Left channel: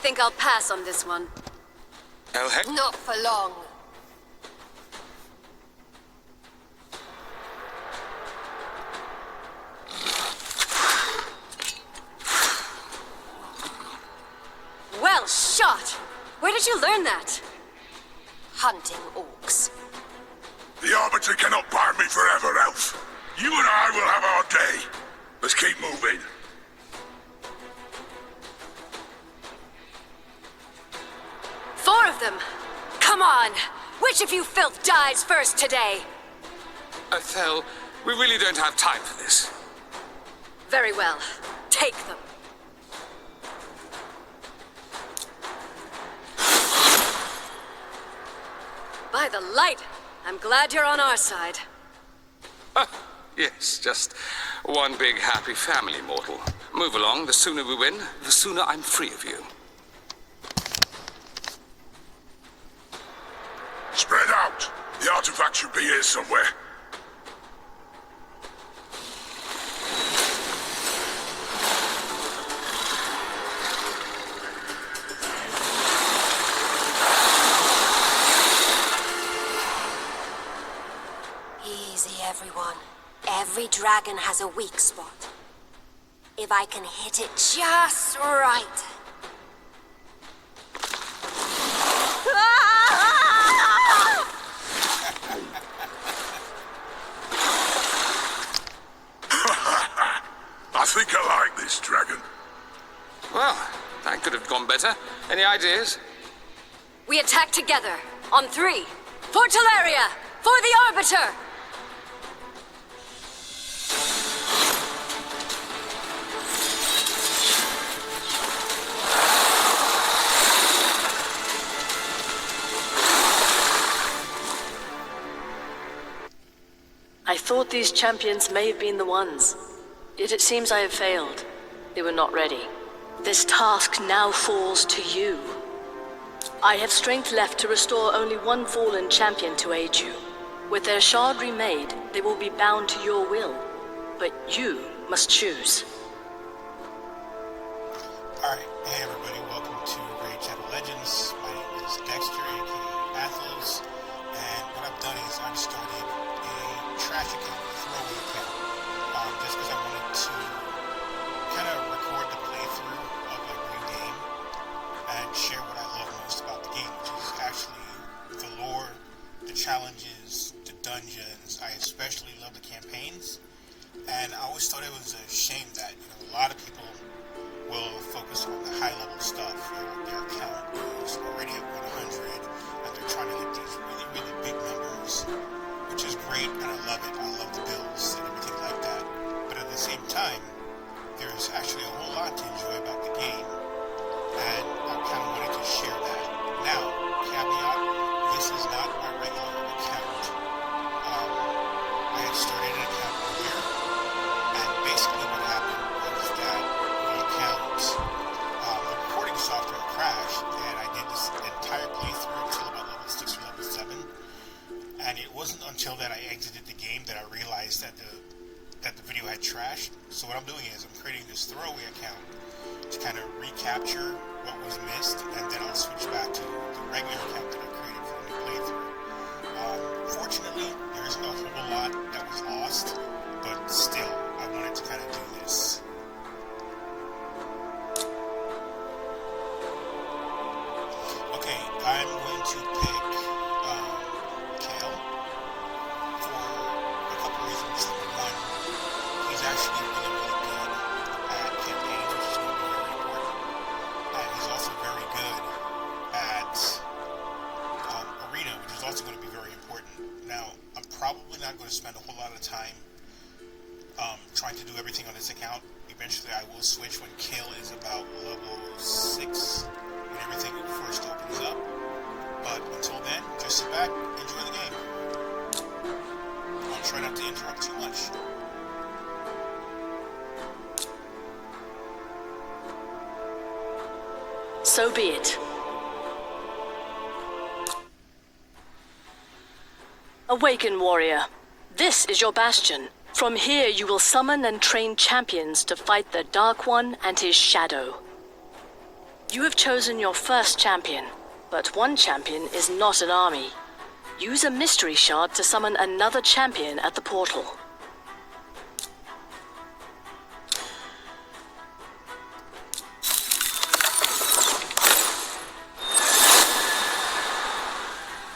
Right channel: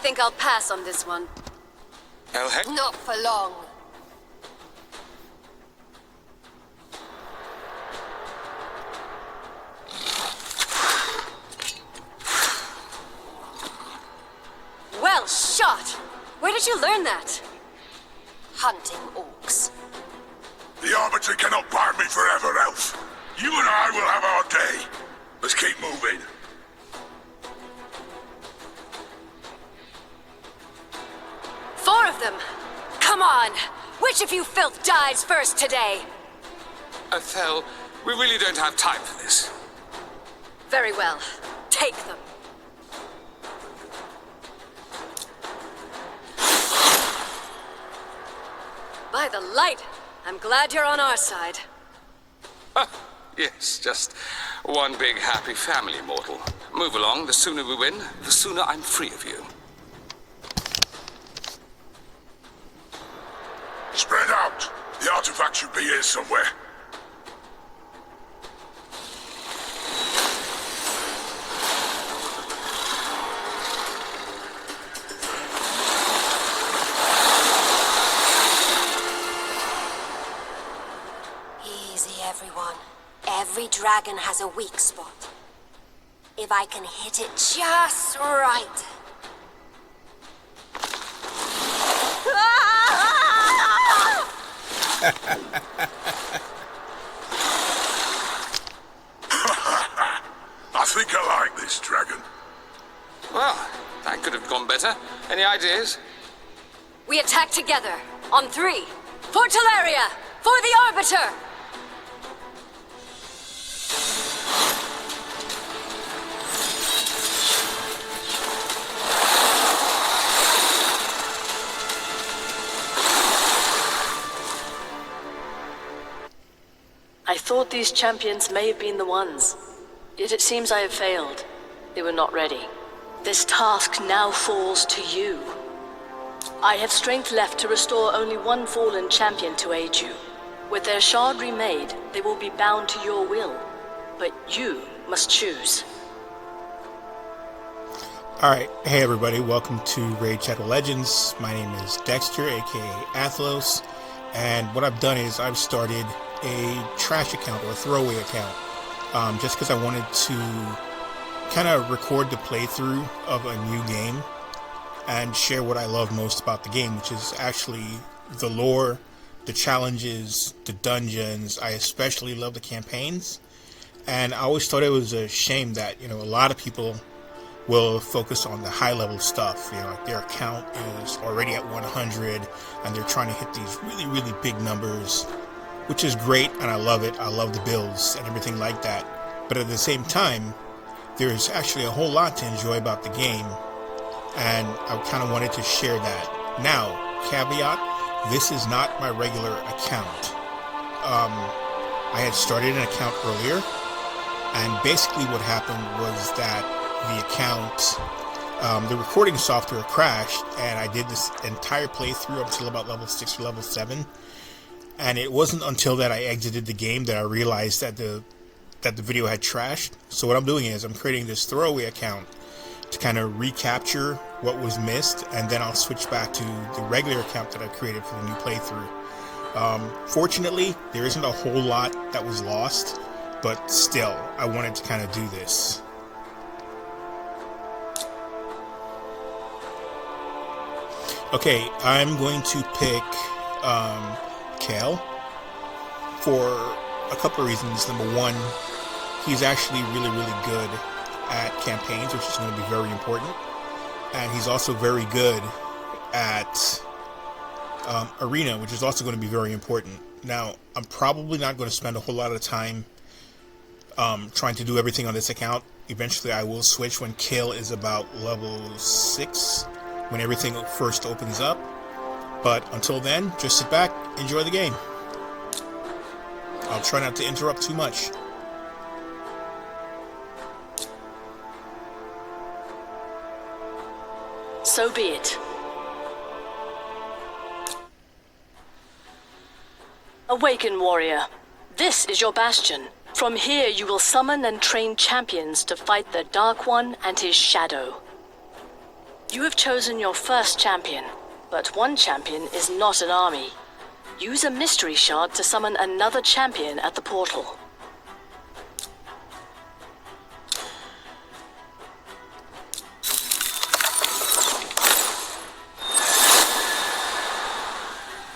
think I'll pass on this one. Not for long. Well shot! Where did you learn that? Hunting orcs. The Arbiter cannot bar me forever, Elf. You and I will have our day. Let's keep moving. Four of them! Come on! Which of you filth dies first today? Athel, we really don't have time for this. Very well. Take them. By the light, I'm glad you're on our side. Yes, just one big happy family, mortal. Move along. The sooner we win, the sooner I'm free of you. Spread out. The artifact should be here somewhere. Easy, everyone. Every dragon has a weak spot. If I can hit it just right. I think I like this dragon. Well, that could have gone better. Any ideas? We attack together. On three. For Teleria! For the Arbiter! I thought these champions may have been the ones. Yet it seems I have failed. They were not ready. This task now falls to you. I have strength left to restore only one fallen champion to aid you. With their shard remade, they will be bound to your will. But you must choose. Alright, hey everybody, welcome to Raid Shadow Legends. My name is Dexter, aka Athalos, and what I've done is I've started a trash account or a throwaway account, just because I wanted to kind of record the playthrough of a new game and share what I love most about the game, which is actually the lore, the challenges, the dungeons. I especially love the campaigns, and I always thought it was a shame that, you know, a lot of people will focus on the high level stuff, you know, like their account is already at 100 and they're trying to hit these really big numbers, which is great, and I love it. I love the builds and everything like that. But at the same time, there's actually a whole lot to enjoy about the game, and I kind of wanted to share that. Now, caveat, this is not my regular account. I had started an account earlier, and basically what happened was that the account, the recording software crashed, and I did this entire playthrough until about level 6 or level 7. And it wasn't until that I exited the game that I realized that the video had trashed. So what I'm doing is I'm creating this throwaway account to kind of recapture what was missed, and then I'll switch back to the regular account that I created for the new playthrough. Fortunately, there isn't a whole lot that was lost, but still, I wanted to kind of do this. Okay, I'm going to pick Kale for a couple of reasons. Number one, he's actually really good at campaigns, which is going to be very important, and he's also very good at arena, which is also going to be very important. Now, I'm probably not going to spend a whole lot of time trying to do everything on this account. Eventually I will switch when Kale is about level 6, when everything first opens up. But until then, just sit back, enjoy the game. I'll try not to interrupt too much. So be it. Awaken, warrior. This is your bastion. From here you will summon and train champions to fight the Dark One and his shadow. You have chosen your first champion, but one champion is not an army. Use a mystery shard to summon another champion at the portal.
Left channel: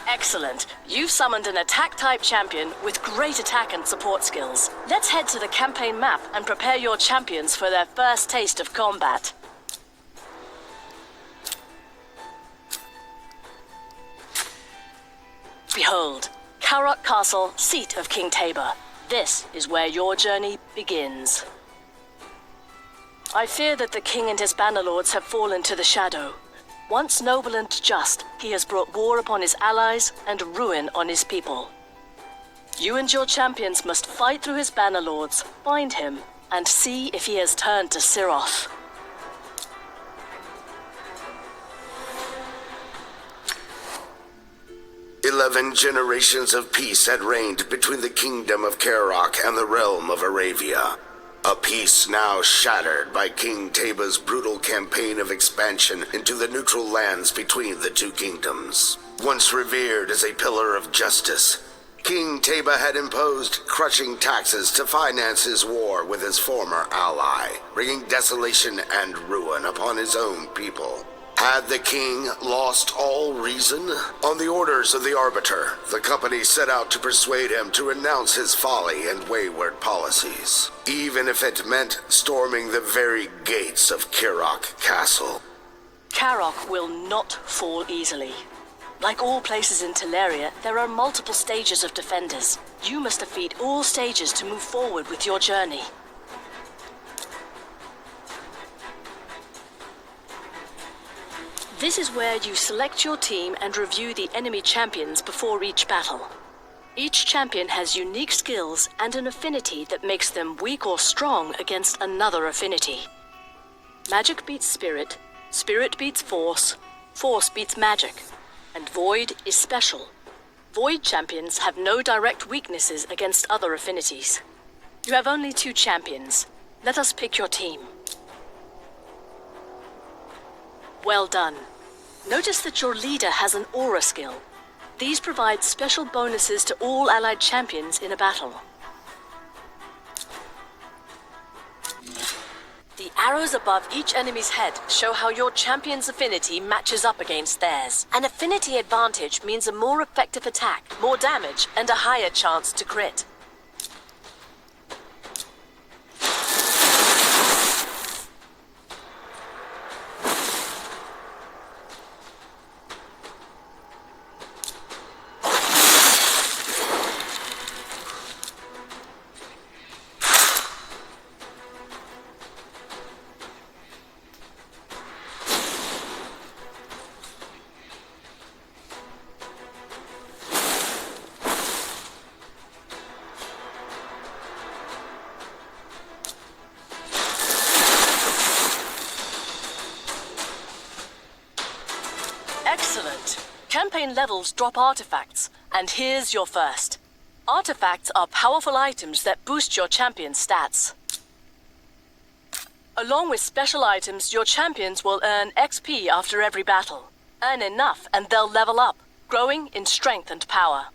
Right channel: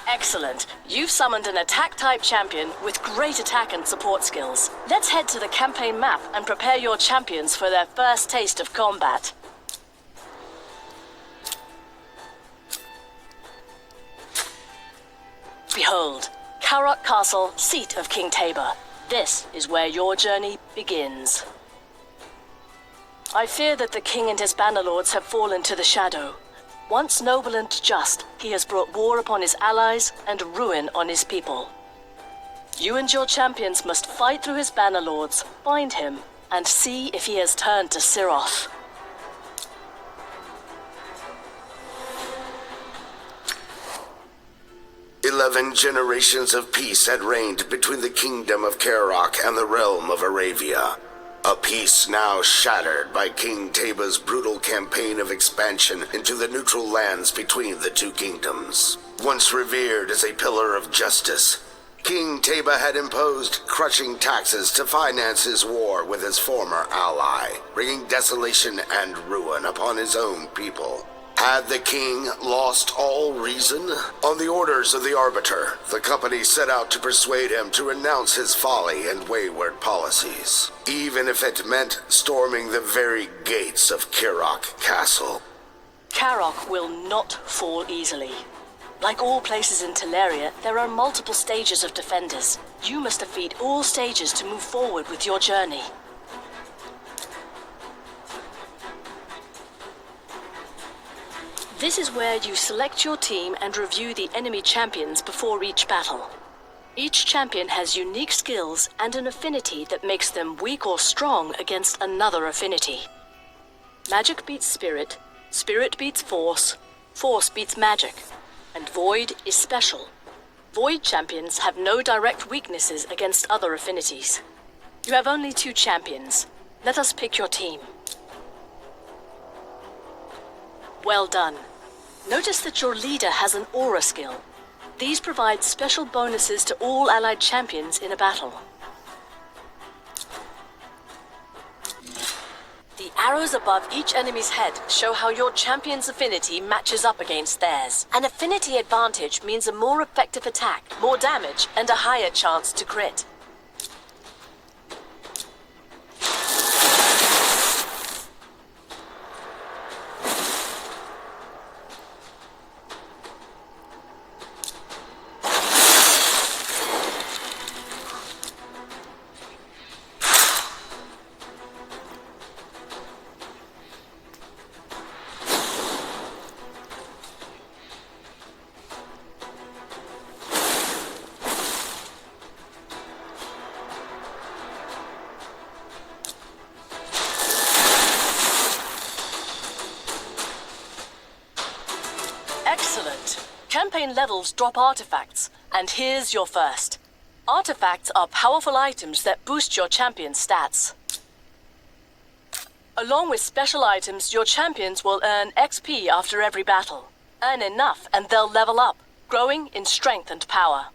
Excellent. You've summoned an attack-type champion with great attack and support skills. Let's head to the campaign map and prepare your champions for their first taste of combat. Behold, Karok Castle, seat of King Tabor. This is where your journey begins. I fear that the king and his bannerlords have fallen to the shadow. Once noble and just, he has brought war upon his allies and ruin on his people. You and your champions must fight through his bannerlords, find him, and see if he has turned to Siroth. "11 generations of peace had reigned between the kingdom of Karok and the realm of Aravia. A peace now shattered by King Taba's brutal campaign of expansion into the neutral lands between the two kingdoms. Once revered as a pillar of justice, King Taba had imposed crushing taxes to finance his war with his former ally, bringing desolation and ruin upon his own people. Had the king lost all reason? On the orders of the Arbiter, the company set out to persuade him to renounce his folly and wayward policies, even if it meant storming the very gates of Karok Castle. Karok will not fall easily. Like all places in Teleria, there are multiple stages of defenders. You must defeat all stages to move forward with your journey. This is where you select your team and review the enemy champions before each battle. Each champion has unique skills and an affinity that makes them weak or strong against another affinity. Magic beats spirit, spirit beats force, force beats magic, and void is special. Void champions have no direct weaknesses against other affinities. You have only 2 champions. Let us pick your team. Well done. Notice that your leader has an aura skill. These provide special bonuses to all allied champions in a battle. The arrows above each enemy's head show how your champion's affinity matches up against theirs. An affinity advantage means a more effective attack, more damage, and a higher chance to crit. Excellent. Campaign levels drop artifacts, and here's your first. Artifacts are powerful items that boost your champion's stats. Along with special items, your champions will earn XP after every battle. Earn enough and they'll level up, growing in strength and power.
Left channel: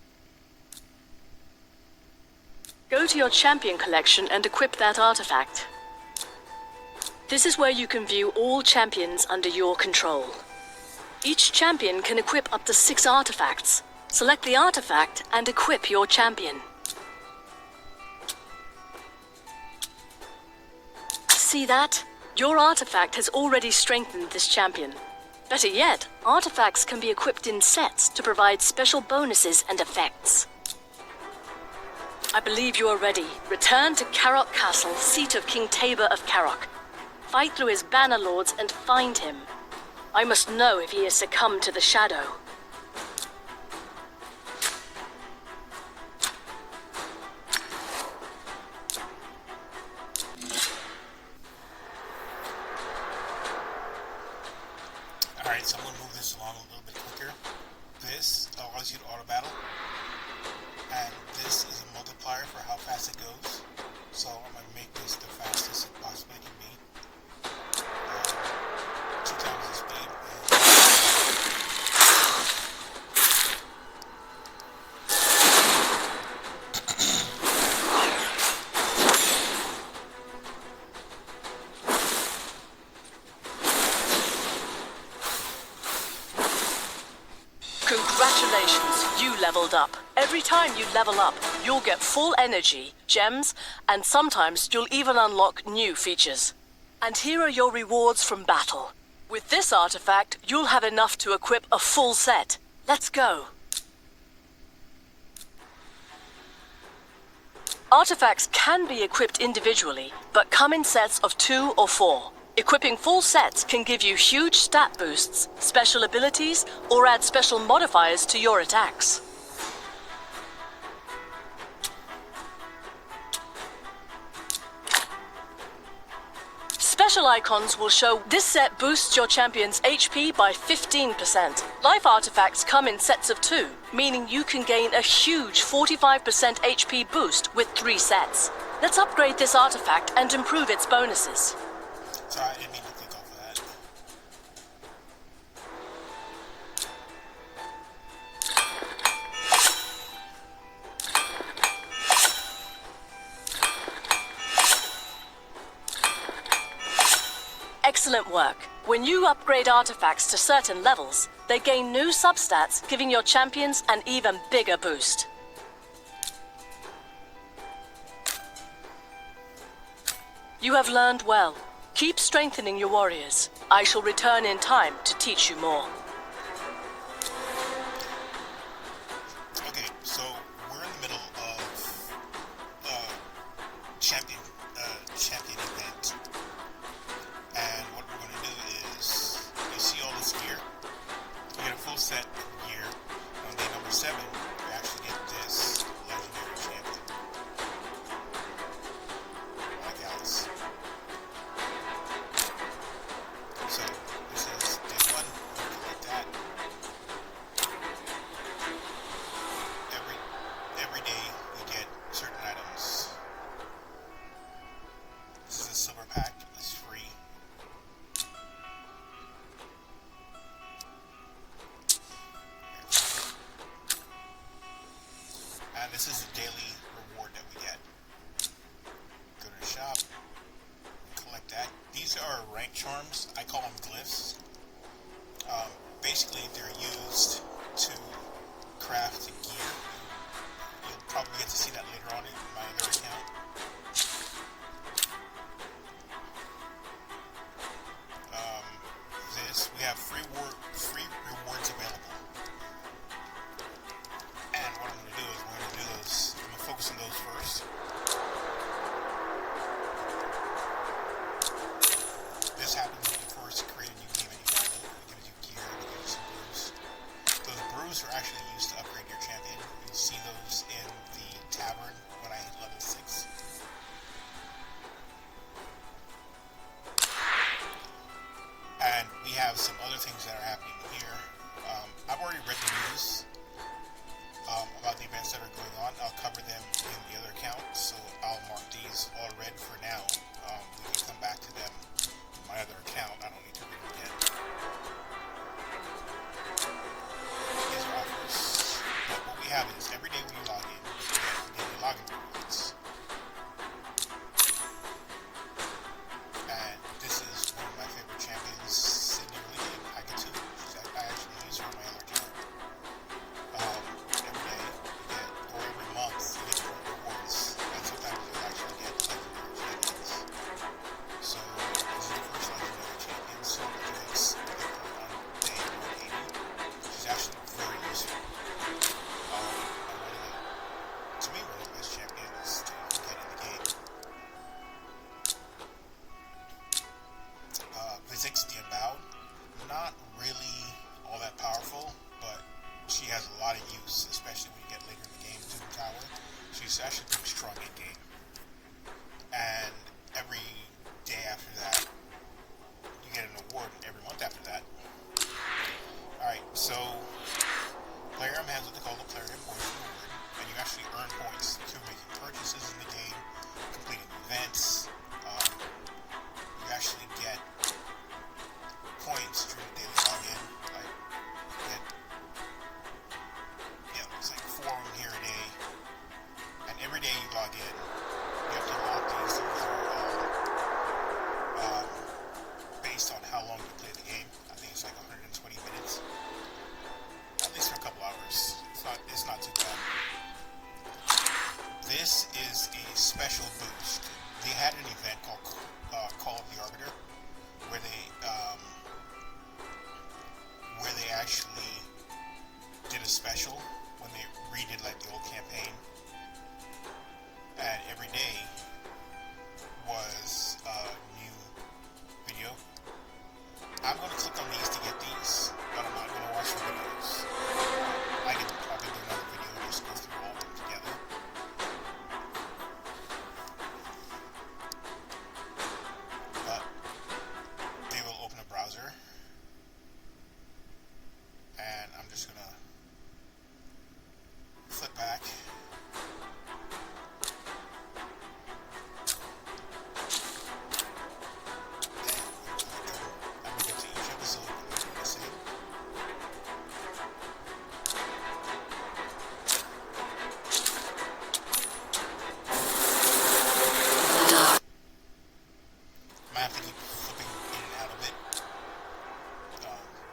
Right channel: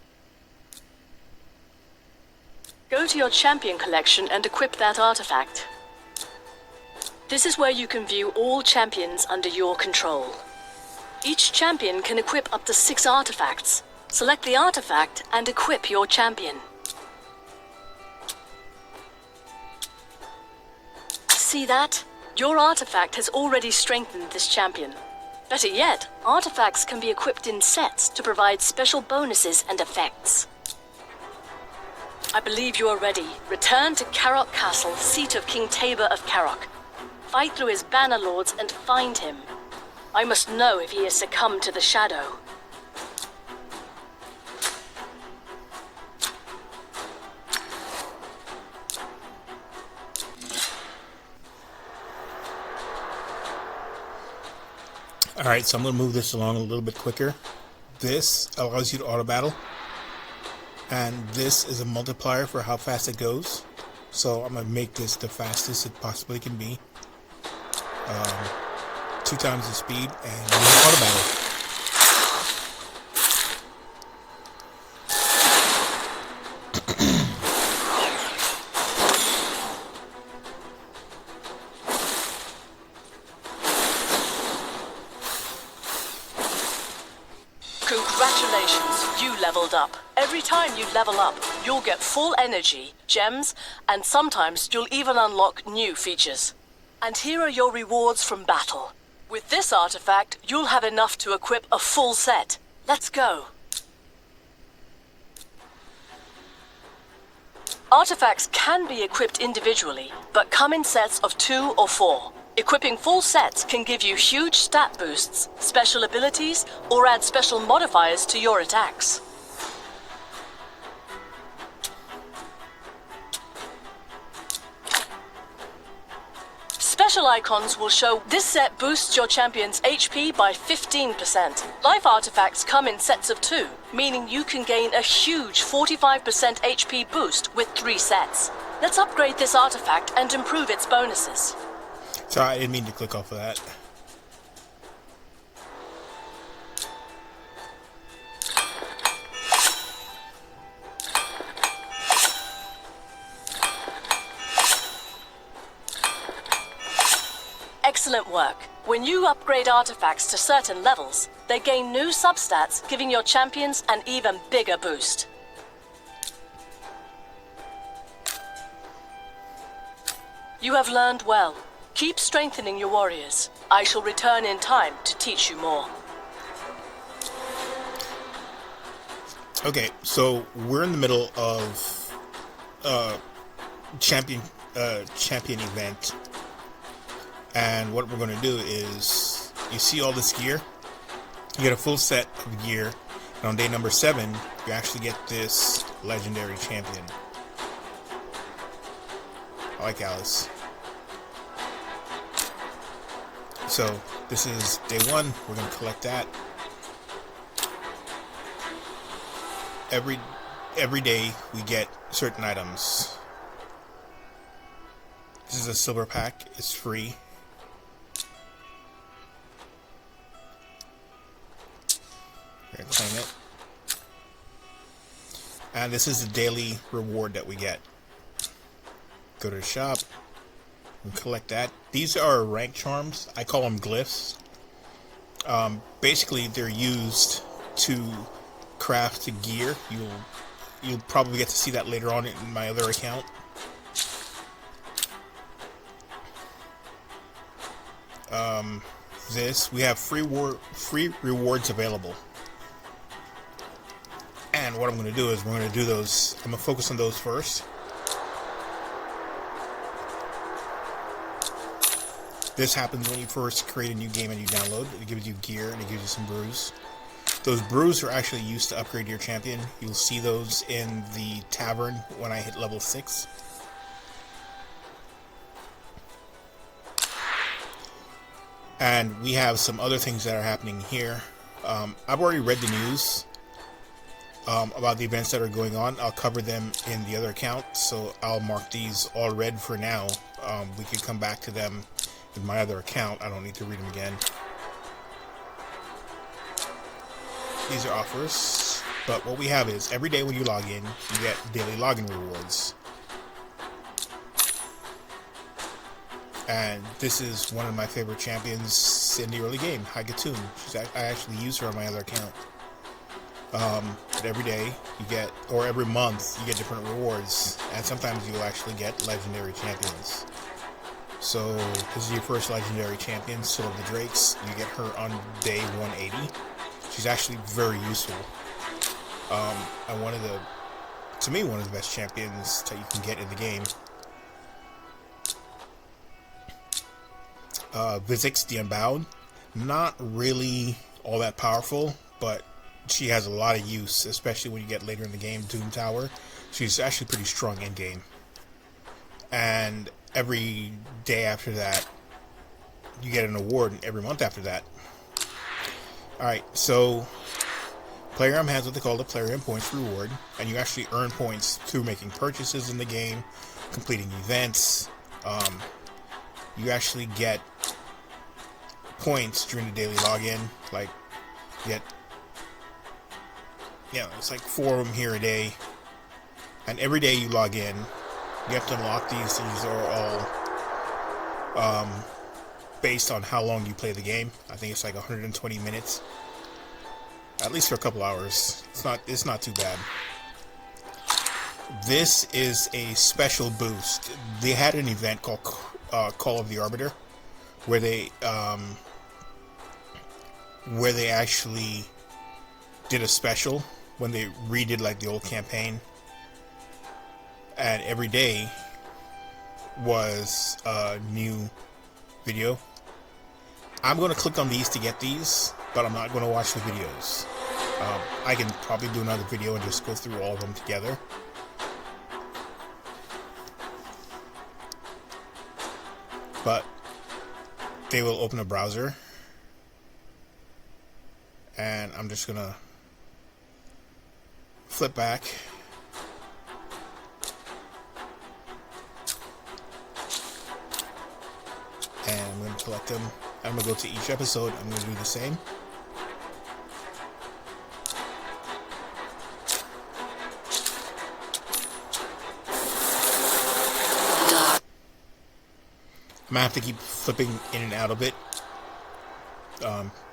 Go to your champion collection and equip that artifact. This is where you can view all champions under your control. Each champion can equip up to 6 artifacts. Select the artifact and equip your champion. See that? Your artifact has already strengthened this champion. Better yet, artifacts can be equipped in sets to provide special bonuses and effects. I believe you are ready. Return to Karok Castle, seat of King Tabor of Karok. Fight through his bannerlords and find him. I must know if he has succumbed to the shadow. Alright, so I'm going to move this along a little bit quicker. This allows you to auto battle. And this is a multiplier for how fast it goes. So I'm going to make this the fastest it possibly can be. 2 times the speed, and auto battle. Congratulations, you leveled up. Every time you level up, you'll get full energy, gems, and sometimes you'll even unlock new features. And here are your rewards from battle. With this artifact, you'll have enough to equip a full set. Let's go. Artifacts can be equipped individually, but come in sets of 2 or 4. Equipping full sets can give you huge stat boosts, special abilities, or add special modifiers to your attacks. Special icons will show this set boosts your champion's HP by 15%. Life artifacts come in sets of 2, meaning you can gain a huge 45% HP boost with 3 sets. Let's upgrade this artifact and improve its bonuses. Sorry, I didn't mean to click off of that. Excellent work. When you upgrade artifacts to certain levels, they gain new substats, giving your champions an even bigger boost. You have learned well. Keep strengthening your warriors. I shall return in time to teach you more. Okay, so we're in the middle of champion event, and what we're going to do is, you see all this gear, you get a full set of gear, and on day number 7 you actually get this legendary champion. I like Alice. So this is day 1. We're going to collect that. Every day we get certain items. This is a silver pack. It's free. Here, claim it. And this is the daily reward that we get. Go to the shop and collect that. These are rank charms. I call them glyphs. Basically, they're used to craft gear. You'll probably get to see that later on in my other account. We have free rewards available. And what I'm going to do is we're going to do those. I'm going to focus on those first. This happens when you first create a new game and you download. It gives you gear and it gives you some brews. Those brews are actually used to upgrade your champion. You'll see those in the tavern when I hit level 6. And we have some other things that are happening here. I've already read the news about the events that are going on. I'll cover them in the other account, so I'll mark these all red for now. We could come back to them in my other account. I don't need to read them again. These are offers, but what we have is every day when you log in, you get daily login rewards. And this is one of my favorite champions in the early game, Hagatoon. I actually use her on my other account. But every day you get, or every month, you get different rewards, and sometimes you'll actually get legendary champions. So this is your first legendary champion, Soul of the Drakes. You get her on day 180. She's actually very useful. And to me, one of the best champions that you can get in the game. Vizix the Unbound. Not really all that powerful, but she has a lot of use, especially when you get later in the game. Doom Tower. She's actually pretty strong in game. And every day after that, you get an award, and every month after that. Alright, so Plarium has what they call the Plarium Points reward, and you actually earn points through making purchases in the game, completing events. You actually get points during the daily login. Like, get, it's like 4 of them here a day. And every day you log in, you have to unlock these. These are all based on how long you play the game. I think it's like 120 minutes. At least for a couple hours. It's not too bad. This is a special boost. They had an event called Call of the Arbiter, where they actually did a special when they redid like the old campaign, and every day was a new video. I'm going to click on these to get these, but I'm not going to watch the videos. I can probably do another video and just go through all of them together. But they will open a browser, and I'm just gonna flip back, and I'm gonna collect them. I'm gonna go to each episode. I'm gonna do the same. I'm gonna have to keep flipping in and out of it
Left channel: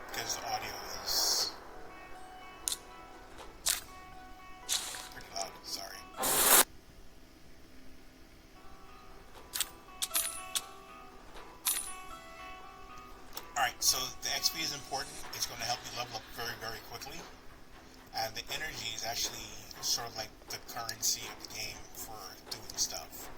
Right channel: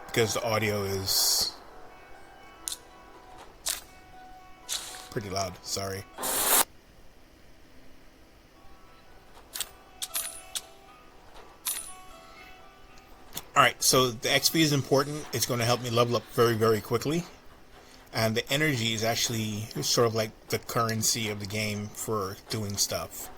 because the audio is pretty loud. Sorry. Alright, so the XP is important. It's going to help me level up very, very quickly. And the energy is actually sort of like the currency of the game for doing stuff.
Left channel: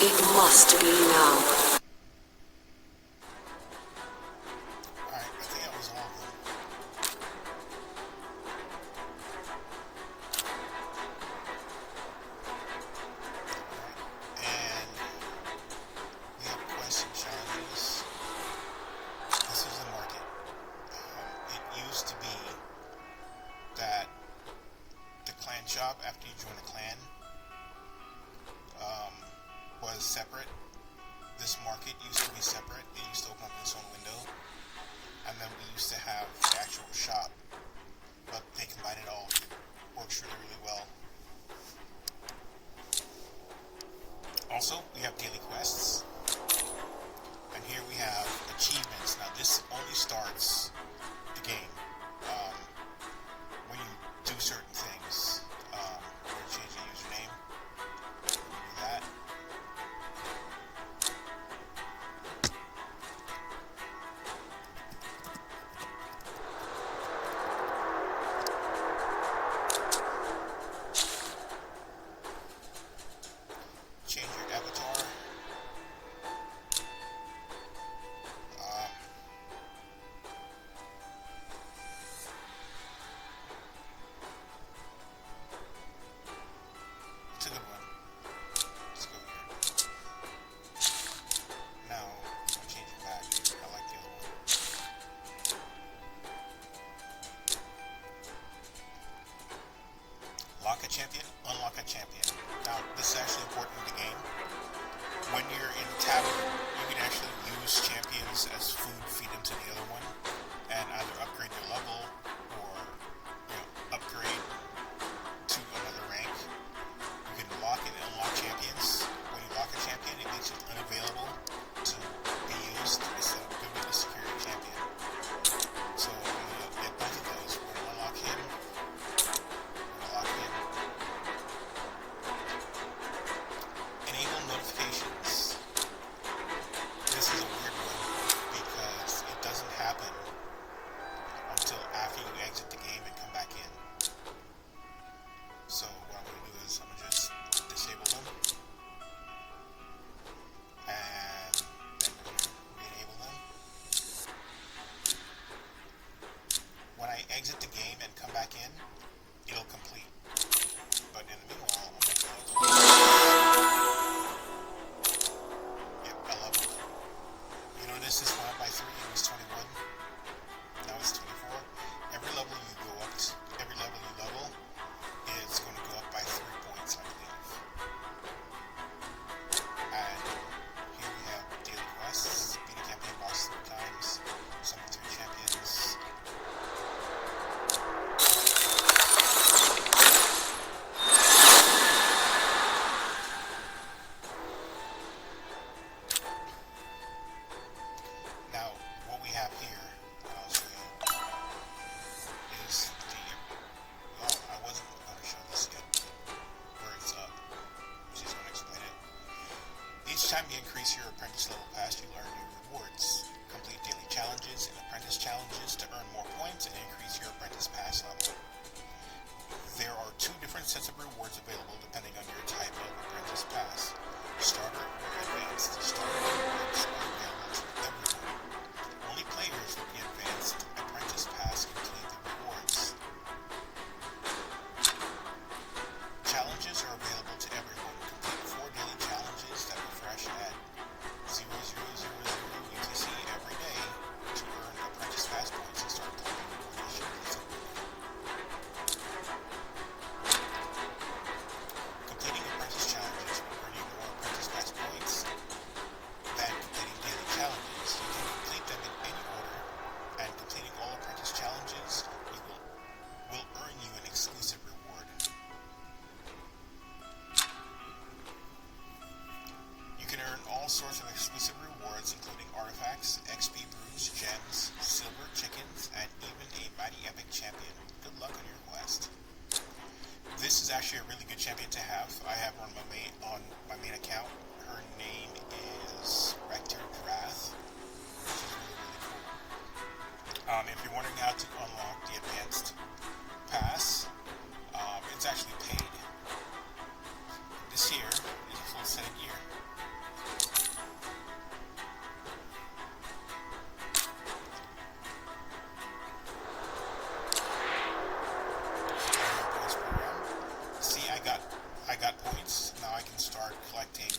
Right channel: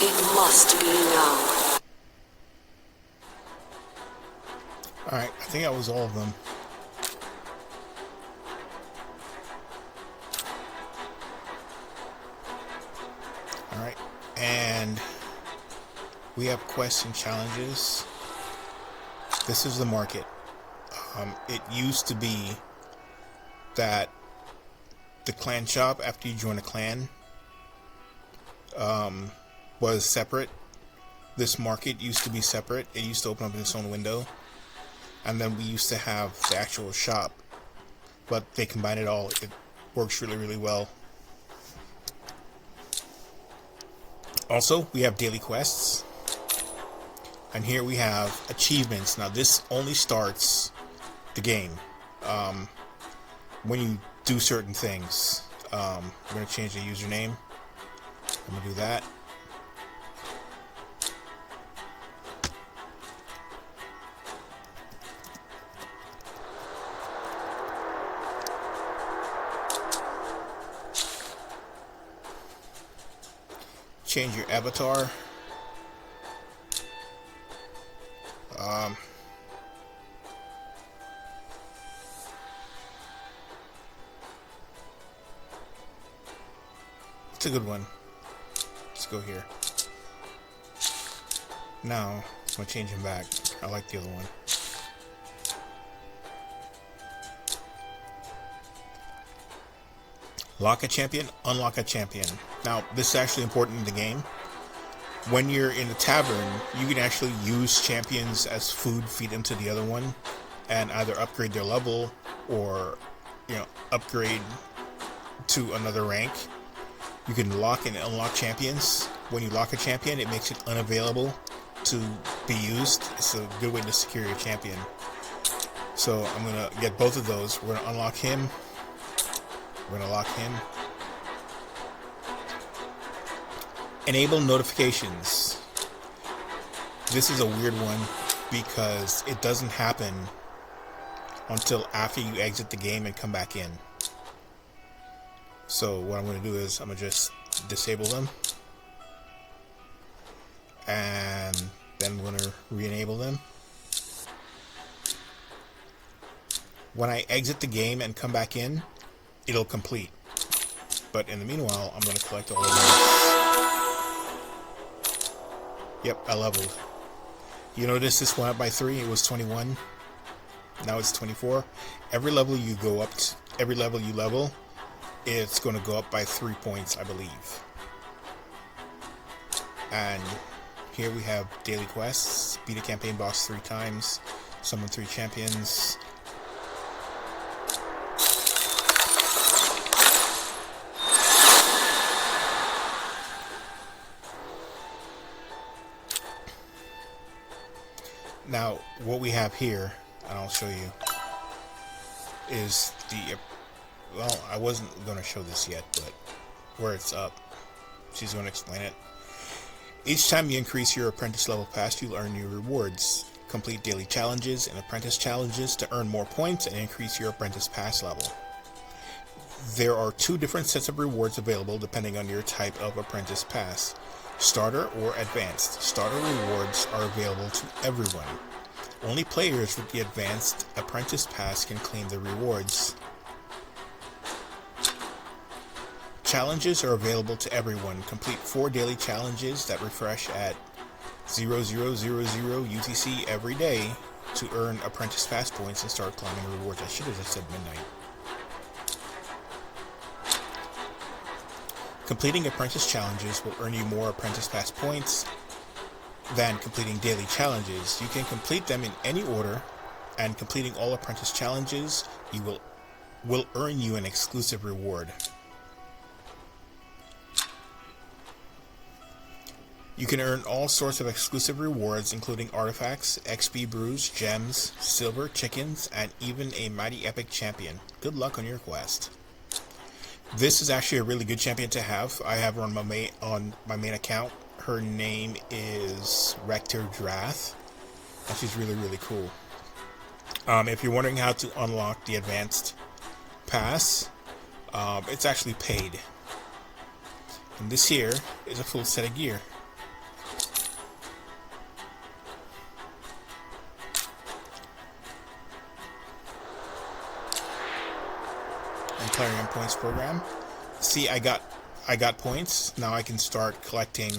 It must be now. Alright, I think that was all of them. Alright, and we have quests and challenges. This is the market. It used to be that the clan shop, after you join a clan, was separate. This market used to be separate. It used to open up in its own window. And then we used to have the actual shop. But they combine it all. It works really, really well. Also, we have daily quests. And here we have achievements. Now, this only starts the game when you do certain things. I'm going to change the username. I'm going to do that. Change your avatar. It's a good one. Let's go here. Now, I'm going to change him back. I like the other one. Lock a champion, unlock a champion. Now, this is actually important in the game. When you're in the tavern, you can actually use champions as food, feed them to the other one, and either upgrade their level or, upgrade to another rank. You can lock and unlock champions. When you lock a champion, it makes it unavailable to be used. It's a good way to secure your champion. So I'm going to get both of those. We're going to unlock him. We're going to lock him. Enable notifications. This is a weird one because it doesn't happen until after you exit the game and come back in. So what I'm going to do is I'm going to just disable them. And then I'm going to re-enable them. When I exit the game and come back in, it'll complete. But in the meanwhile, I'm going to collect all of them. Yep, I leveled. You notice this went up by 3. It was 21. Now it's 24. Every level you go up to, every level you level, it's going to go up by 3 points, I believe. And here we have daily quests. Beat a campaign boss 3 times. Summon 3 champions. Now, what we have here, and I'll show you, is the, well, I wasn't going to show this yet, but where it's up, she's going to explain it. Each time you increase your apprentice level pass, you'll earn new rewards. Complete daily challenges and apprentice challenges to earn more points and increase your apprentice pass level. There are 2 different sets of rewards available depending on your type of apprentice pass. Starter or Advanced. Starter rewards are available to everyone. Only players with the Advanced Apprentice Pass can claim the rewards. Challenges are available to everyone. Complete 4 daily challenges that refresh at 0000 UTC every day to earn Apprentice Pass points and start claiming rewards. I should have just said midnight. Completing apprentice challenges will earn you more apprentice pass points than completing daily challenges. You can complete them in any order, and completing all apprentice challenges will earn you an exclusive reward. You can earn all sorts of exclusive rewards, including artifacts, XP brews, gems, silver, chickens, and even a mighty epic champion. Good luck on your quest. This is actually a really good champion to have. I have her on my main account. Her name is Rector Drath, and she's really, really cool. If you're wondering how to unlock the advanced pass, it's actually paid. And this here is a full set of gear. And Clarion Points program. See, I got points. Now I can start collecting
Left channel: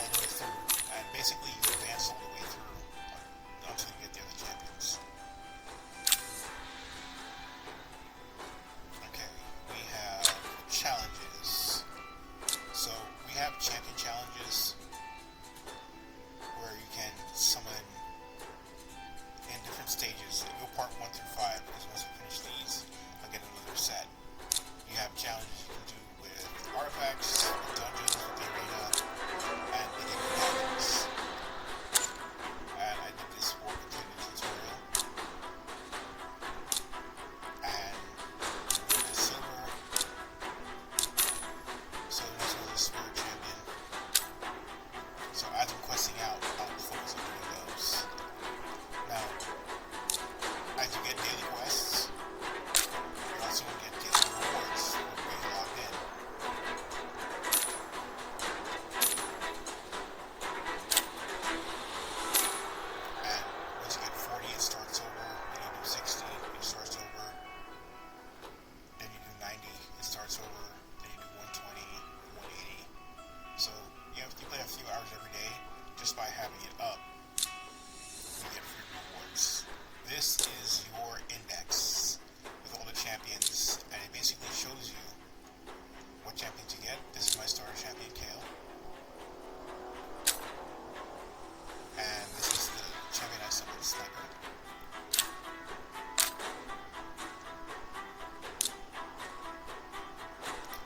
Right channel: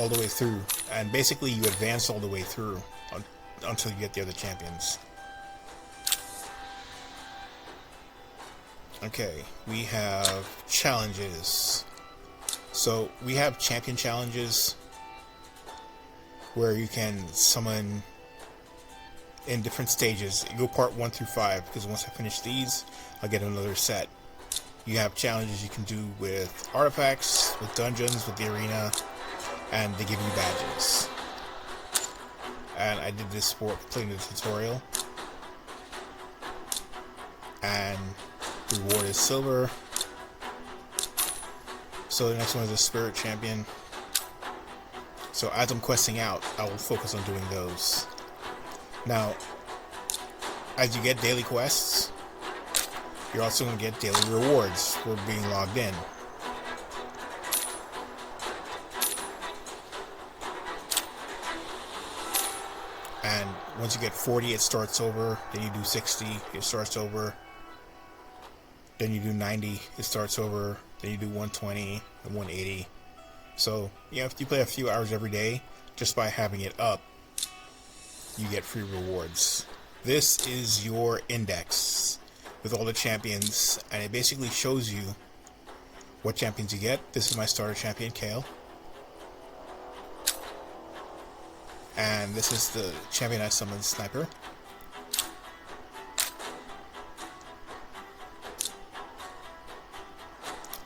all the way through. And basically you advance all the way through until you get the other champions. Okay, we have challenges. So we have champion challenges where you can summon in different stages. You go part 1 through 5, because once I finish these, I'll get another set. You have challenges you can do with artifacts, with dungeons, with the arena, and they give you badges. And I did this for completing the tutorial. And the reward is silver. So the next one is a spirit champion. So as I'm questing out, I will focus on doing those. Now, as you get daily quests, you're also going to get daily rewards for being logged in. And once you get 40, it starts over. Then you do 60, it starts over. Then you do 90, it starts over. Then you do 120 and 180. So, if you play a few hours every day, just by having it up, you get free rewards. This is your index. with all the champions, and it basically shows you what champions you get. This is my starter champion, Kale. And this is the champion I summoned, Sniper.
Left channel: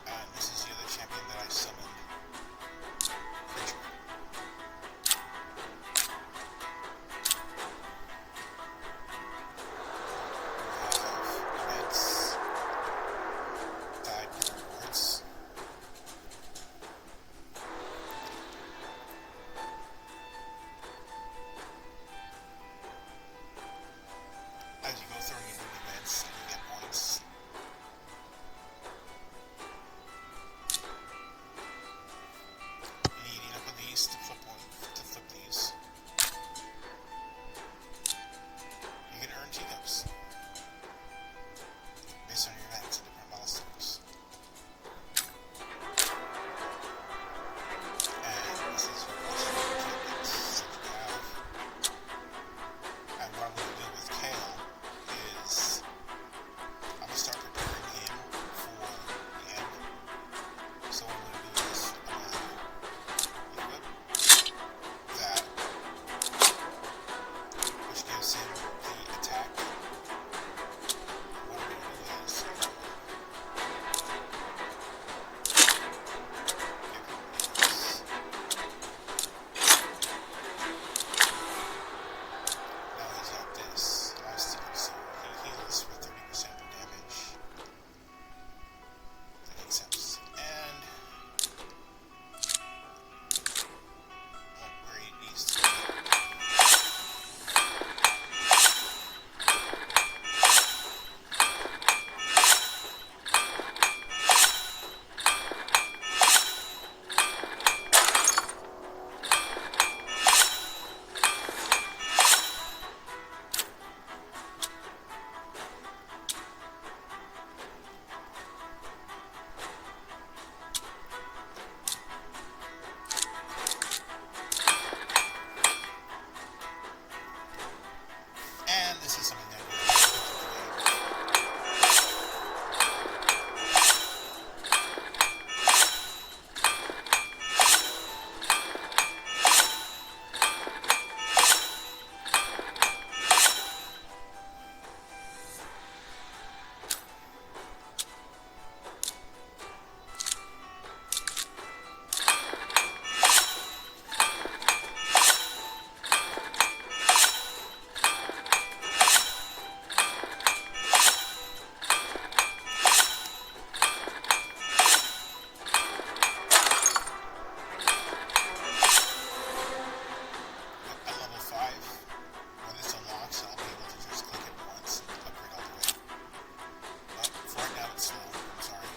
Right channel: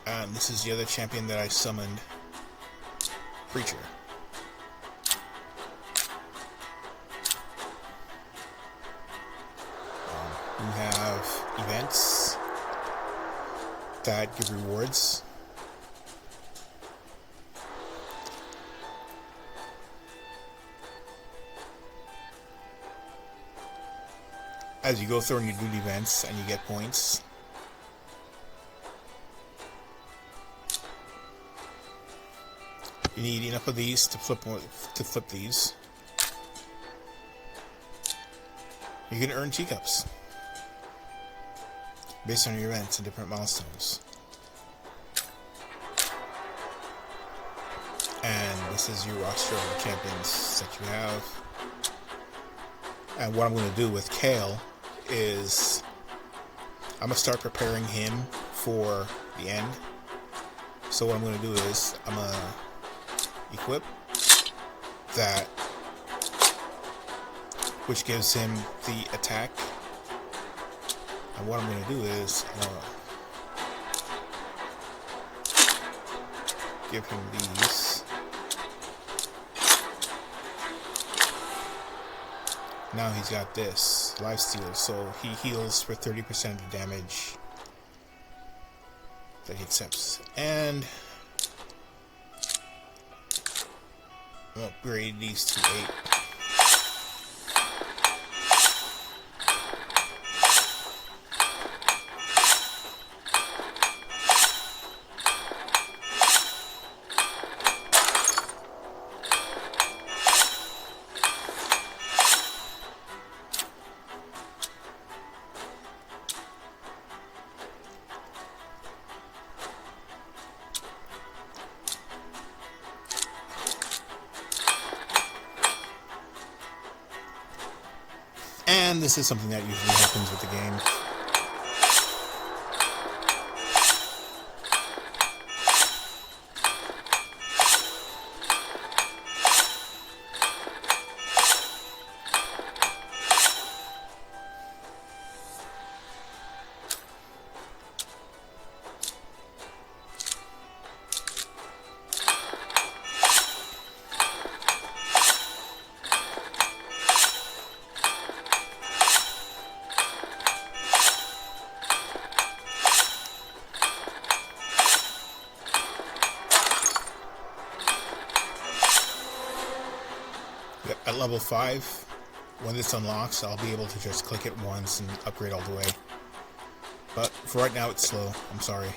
And this is the other champion that I summoned, Preacher. We have events that give rewards. As you go through and you do the events and you get points. You need enough of these to flip these. You can earn teacups based on your events and different milestones. And this is your roster of the champions that you have. And what I'm going to do with Kale is I'm going to start preparing him for the end. So what I'm going to do is I'm going to equip that, which gives him the attack. And what I'm going to do is give him these. Now he's got this lifesteal, so he heals for 30% of the damage that he accepts. And I'll upgrade these to 8. And this is something that usually happens with the game. At level 5, when this unlocks, I'll be able to just click it once and upgrade all the way. But for right now, it's slow. I'm sorry.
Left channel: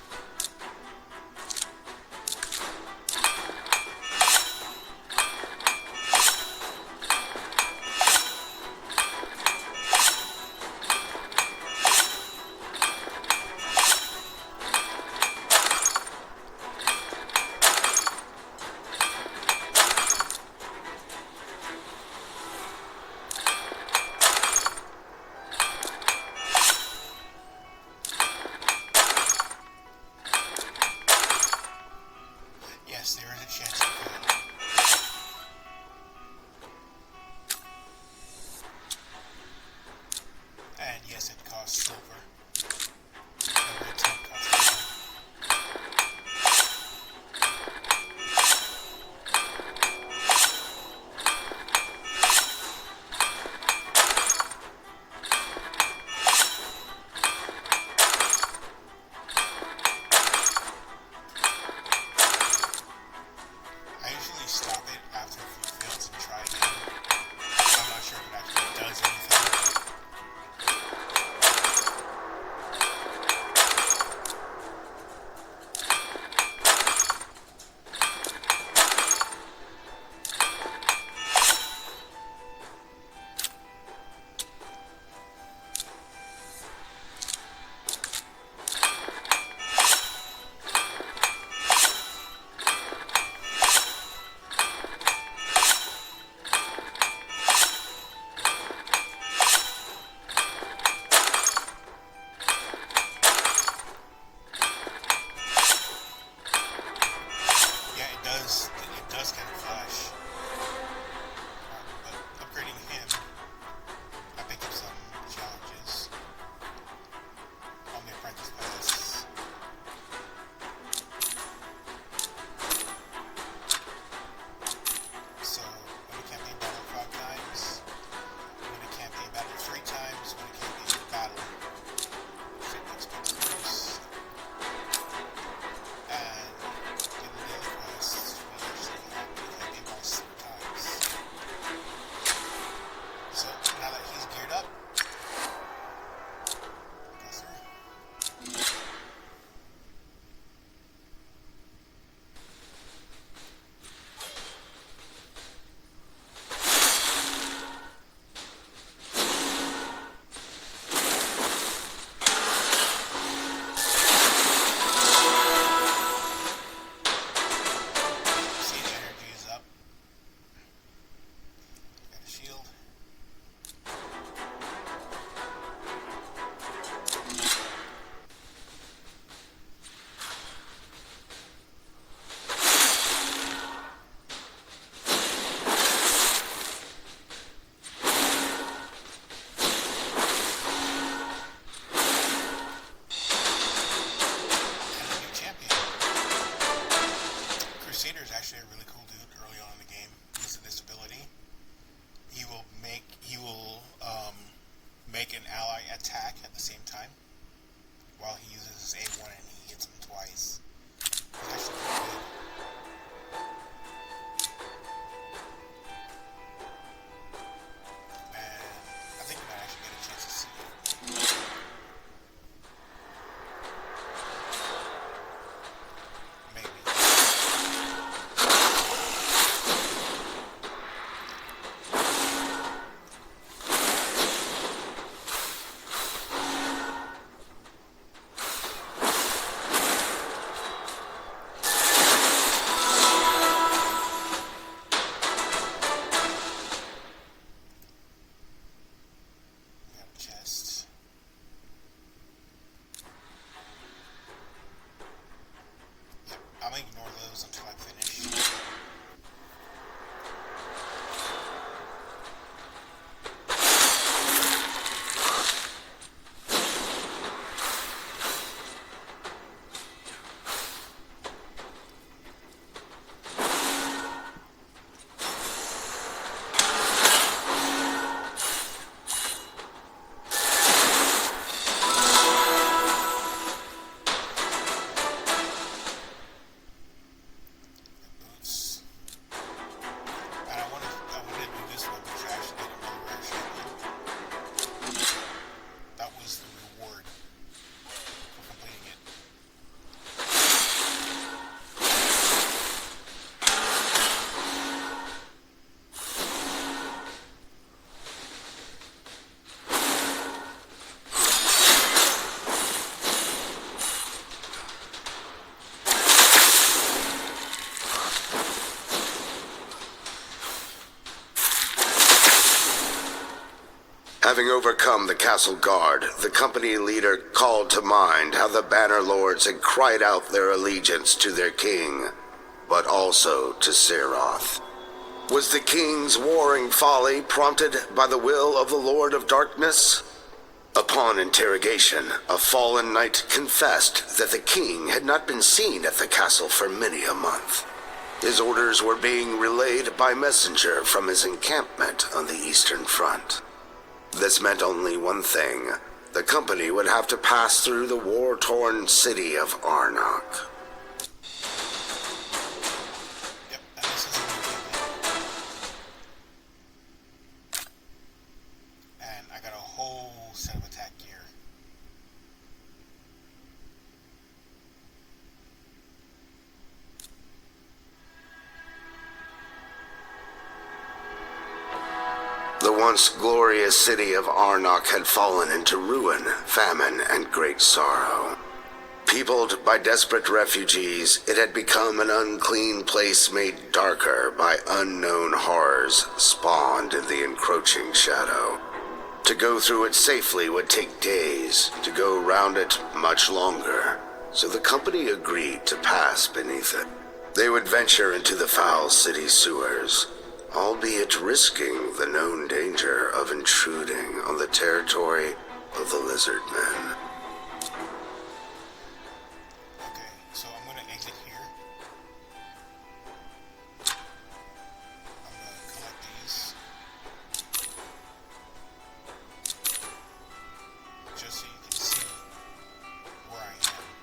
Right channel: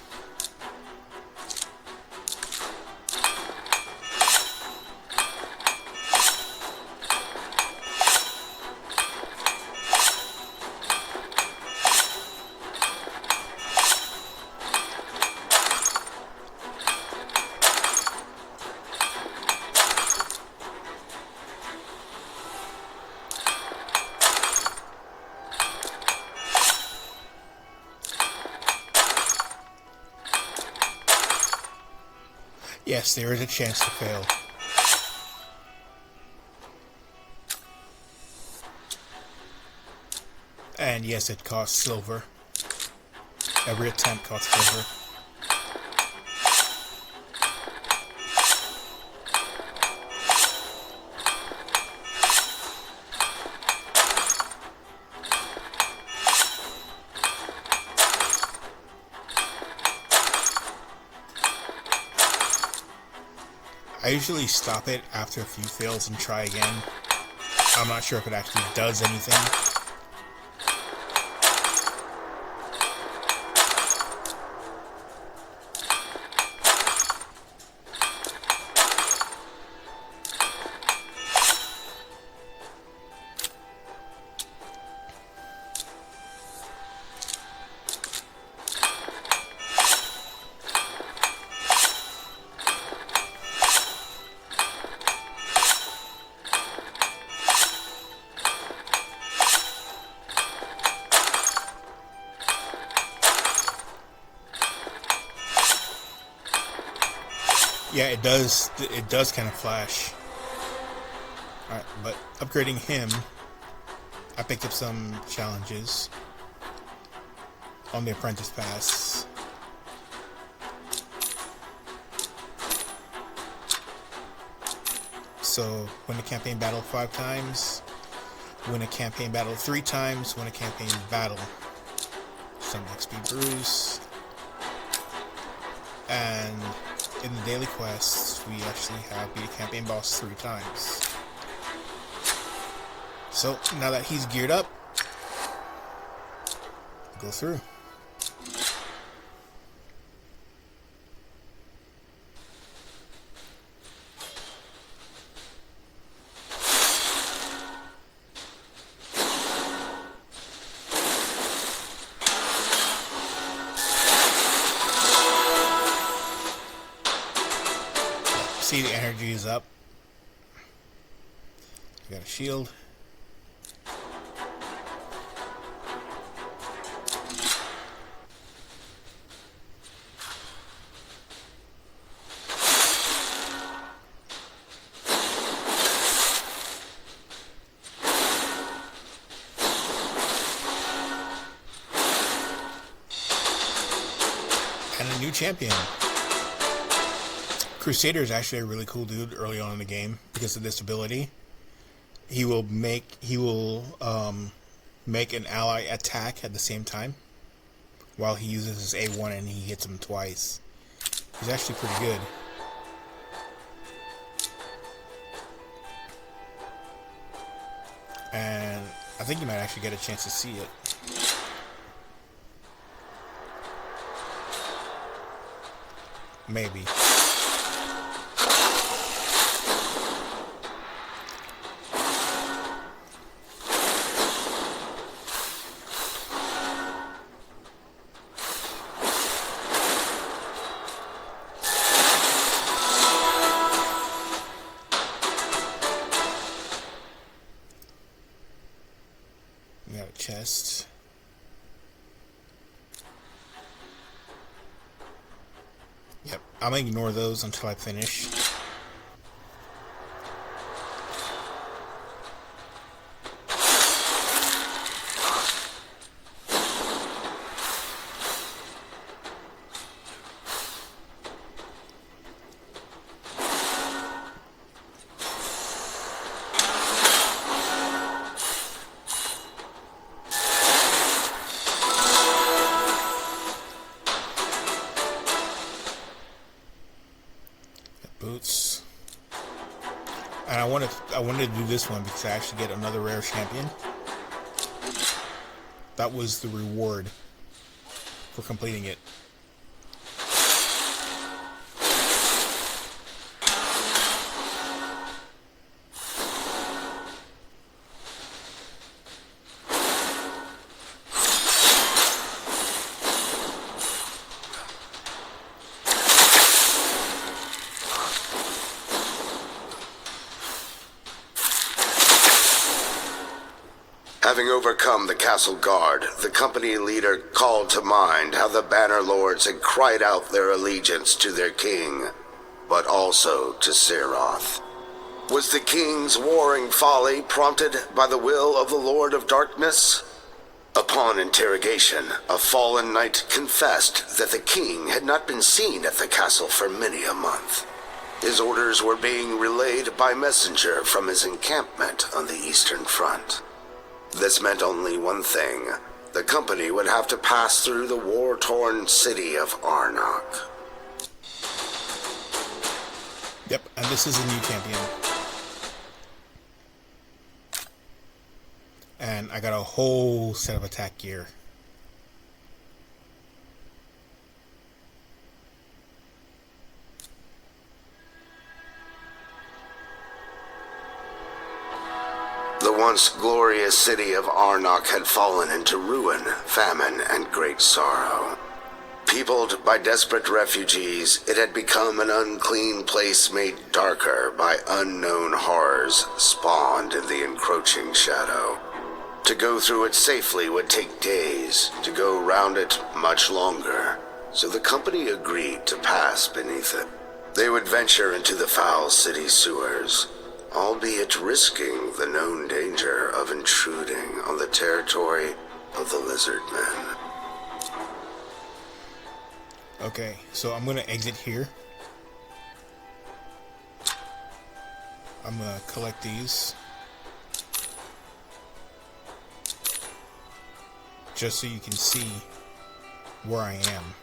Yes, there is a chance to fail. And yes, it costs silver. Every attempt costs silver. I usually stop it after a few fails and try again. I'm not sure if it actually does anything. Yeah, it does. It does kind of flash. All right, but upgrading him, I picked up some challenges on the Apprentice Pass. So, win a campaign battle 5 times, win a campaign battle 3 times, win a campaign battle. Some XP Bruce. And in the daily quests, we actually have beat a campaign boss 3 times. So, now that he's geared up, go through. See, the energy is up. I got a shield. And a new champion. Crusader is actually a really cool dude early on in the game because of this ability. He will make an ally attack at the same time while he uses his A1 and he hits him twice. He's actually pretty good. And I think you might actually get a chance to see it. Maybe. We got a chest. Yep, I'm gonna ignore those until I finish. Boots. And I wanted to do this one because I actually get another rare champion. That was the reward for completing it. Having overcome the castle guard, the company leader called to mind how the Banner Lords had cried out their allegiance to their king, but also to Seroth. Was the king's warring folly prompted by the will of the Lord of Darkness? Upon interrogation, a fallen knight confessed that the king had not been seen at the castle for many a month. His orders were being relayed by messenger from his encampment on the Eastern Front. This meant only one thing. The company would have to pass through the war-torn city of Arnok. Yep, and this is a new champion. And I got a whole set of attack gear. The once glorious city of Arnok had fallen into ruin, famine, and great sorrow. Peopled by desperate refugees, it had become an unclean place made darker by unknown horrors spawned in the encroaching shadow. To go through it safely would take days, to go round it much longer, so the company agreed to pass beneath it. They would venture into the foul city sewers, albeit risking the known danger of intruding on the territory of the lizard men. Okay, so I'm gonna exit here. I'm gonna collect these. Just so you can see where I am.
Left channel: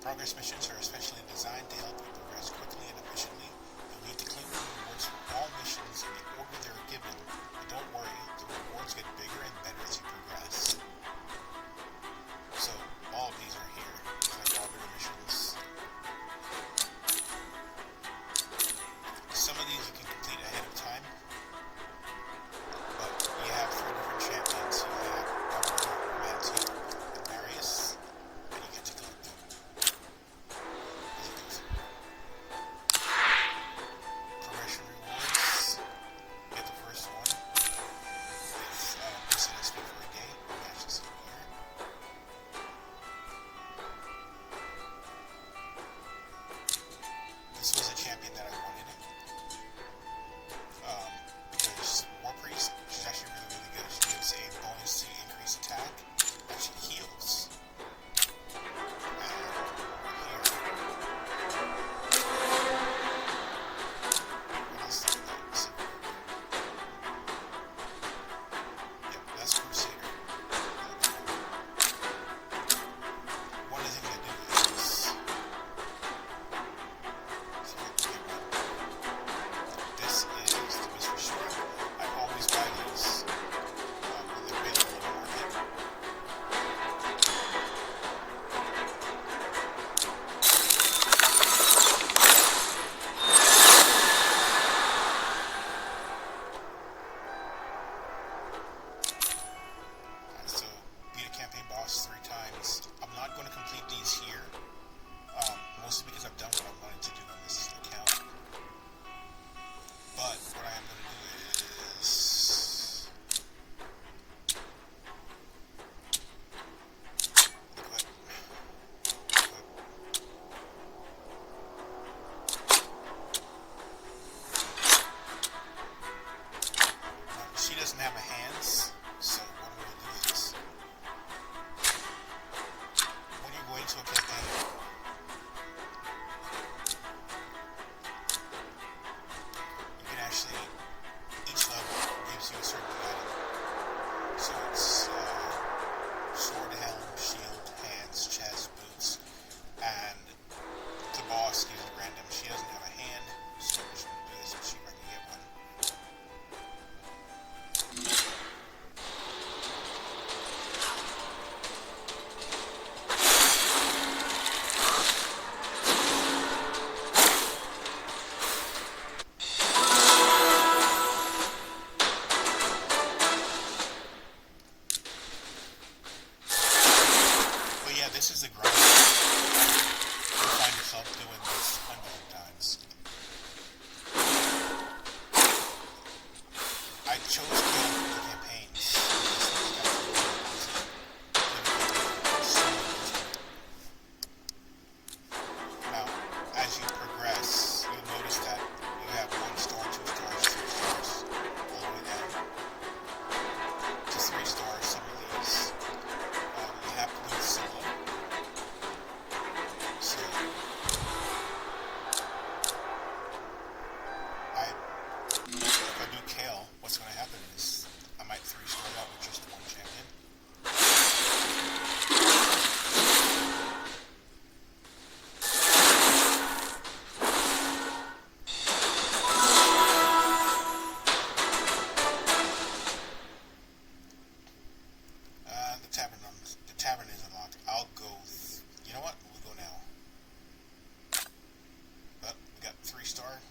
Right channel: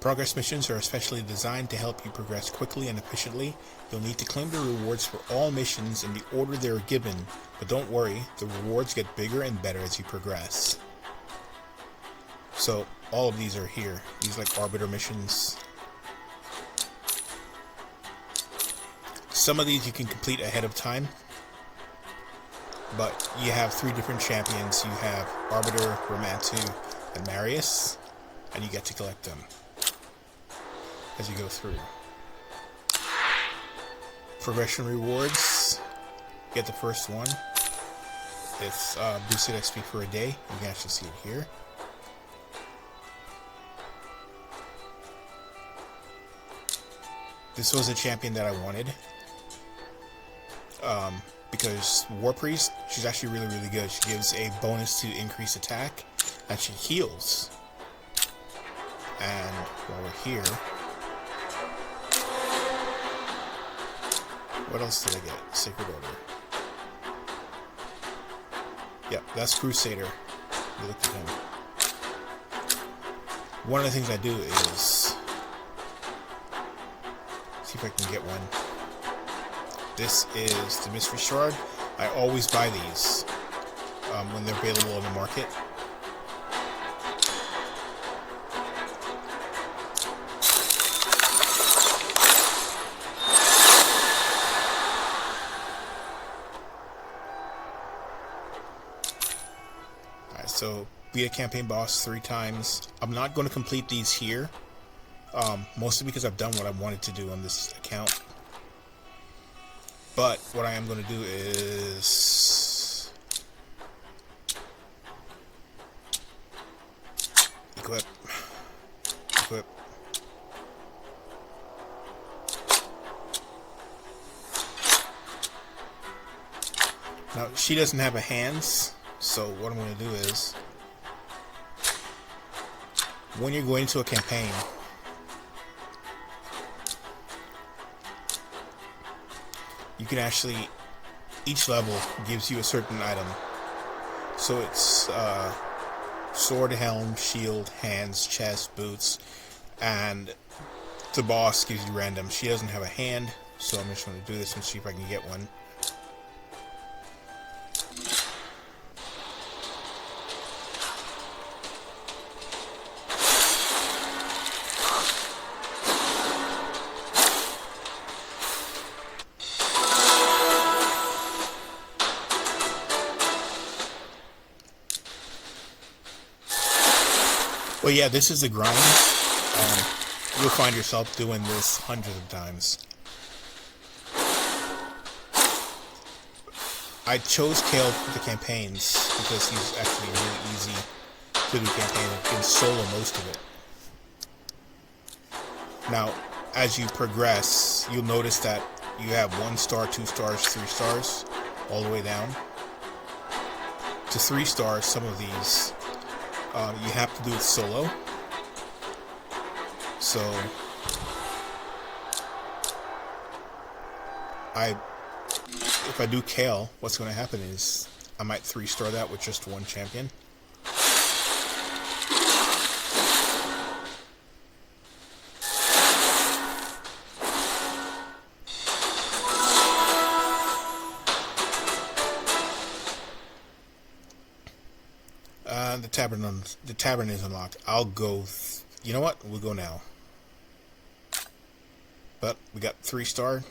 Progress missions are especially designed to help you progress quickly and efficiently. You'll need to claim the rewards for all missions in the order they are given, but don't worry, the rewards get bigger and better as you progress. So, all of these are here. These like Arbiter missions. Some of these you can complete ahead of time, but you have 3 different champions. You have Arbiter, Romantu, and Marius, and you get to collect them as you go through. Progression rewards. Get the first one. It's boosted XP for a day. You can actually see it here. This was a champion that I wanted. Because War Priest, she's actually really, really good. She gives a bonus to increase attack, and she heals. And while we're here, what else did I get? Sacred Order. Yep, that's Crusader. You look at him. One of the things I do is see if I can get one. This is the Mystery Shard. I always buy these when they're available on the market. Alright, so beat a campaign boss 3 times. I'm not going to complete these here. Mostly because I've done what I wanted to do on this account. But what I am going to do is equip. Now she doesn't have a hands, so what I'm going to do is when you're going into a campaign, you can actually, each level gives you a certain item. So it's sword, helm, shield, hands, chest, boots, and the boss gives you random. She doesn't have a hand, so I'm just going to do this and see if I can get one. Well, yeah, this is the grind. You'll find yourself doing this hundreds of times. I chose Kale for the campaigns because he's actually really easy to do campaign. I can solo most of it. Now, as you progress, you'll notice that you have 1 star, 2 stars, 3 stars, all the way down to 3 stars. Some of these you have to do it solo. So if I do Kale, what's going to happen is I might 3-star that with just 1 champion. The tavern is unlocked. I'll go. You know what? We'll go now. But we got 3-star.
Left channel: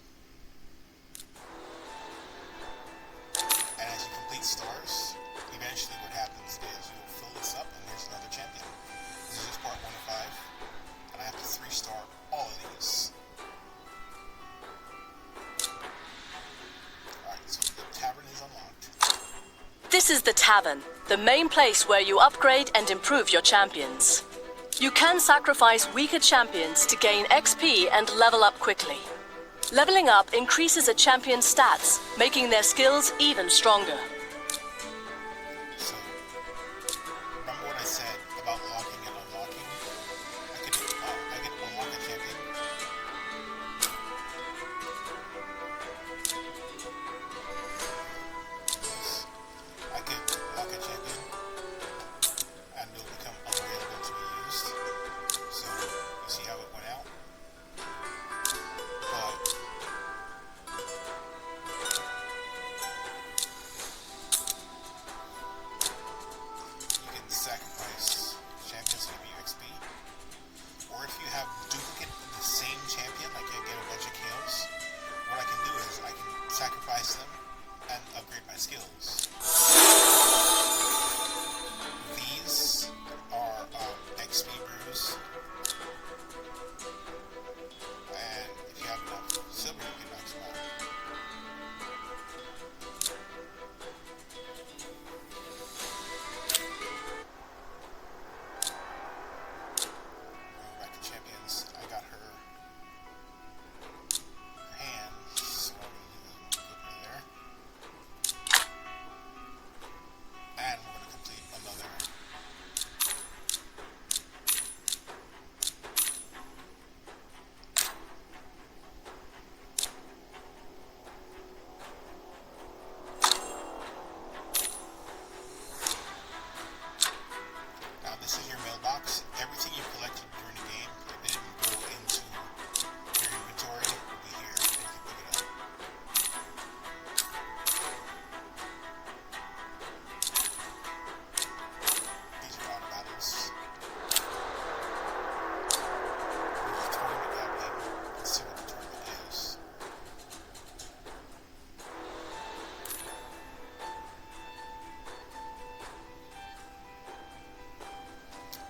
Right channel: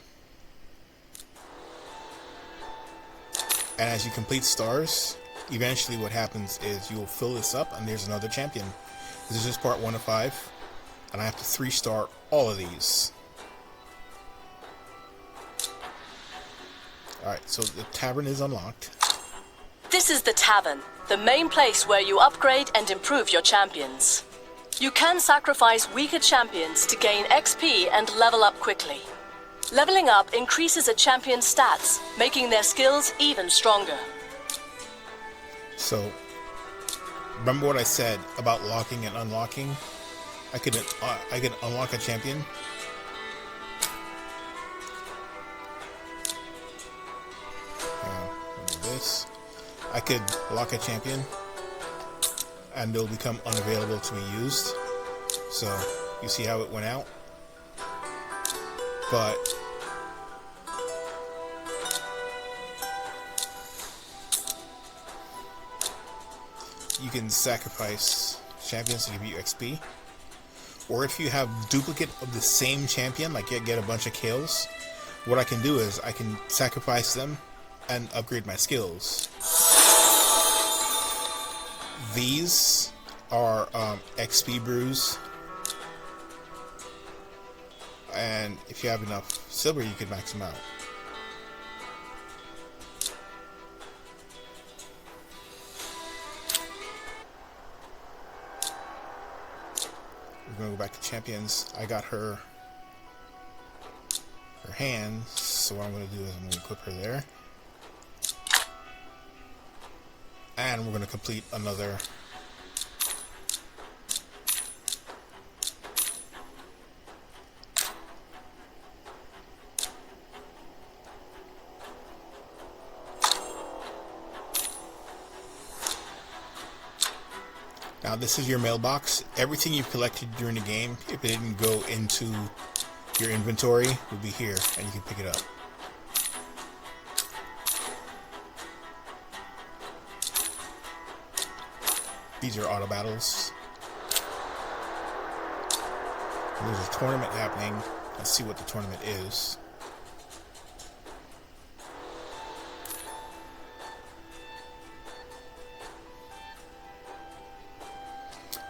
And as you complete stars, eventually what happens is you will fill this up and there's another champion. This is just part 1 of 5. And I have to 3-star all of these. Alright, so the tavern is unlocked. This is the tavern, the main place where you upgrade and improve your champions. You can sacrifice weaker champions to gain XP and level up quickly. Leveling up increases a champion's stats, making their skills even stronger. So, remember what I said about locking and unlocking? I could unlock a champion. Do this. I could lock a champion, and it'll become unavailable to be used. So, you see how it went out? But you can sacrifice champions to give you XP. Or if you have duplicate of the same champion, like you get a bunch of kills, what I can do is I can sacrifice them and upgrade my skills. These are XP brews. And if you have enough silver, you could max them out. We're gonna go back to champions. I got her hands, so what I'm gonna do is I'm gonna equip her there. And we're gonna complete another Now this is your mailbox. Everything you've collected during the game, if it didn't go into your inventory, will be here and you can pick it up. These are auto battles. And there's a tournament happening. Let's see what the tournament is.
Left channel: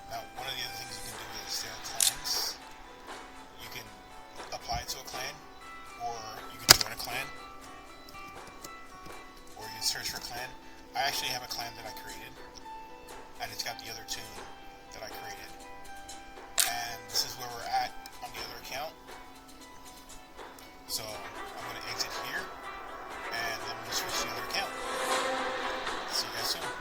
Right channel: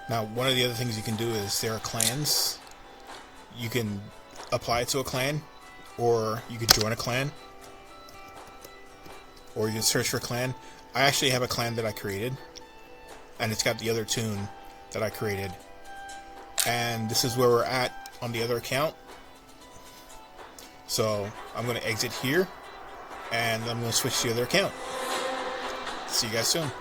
Now, one of the other things you can do is there are clans. You can apply it to a clan, or you could join a clan, or you can search for a clan. I actually have a clan that I created, and it's got the other tune that I created. And this is where we're at on the other account. So I'm going to exit here, and I'm going to switch to the other account. See you guys soon.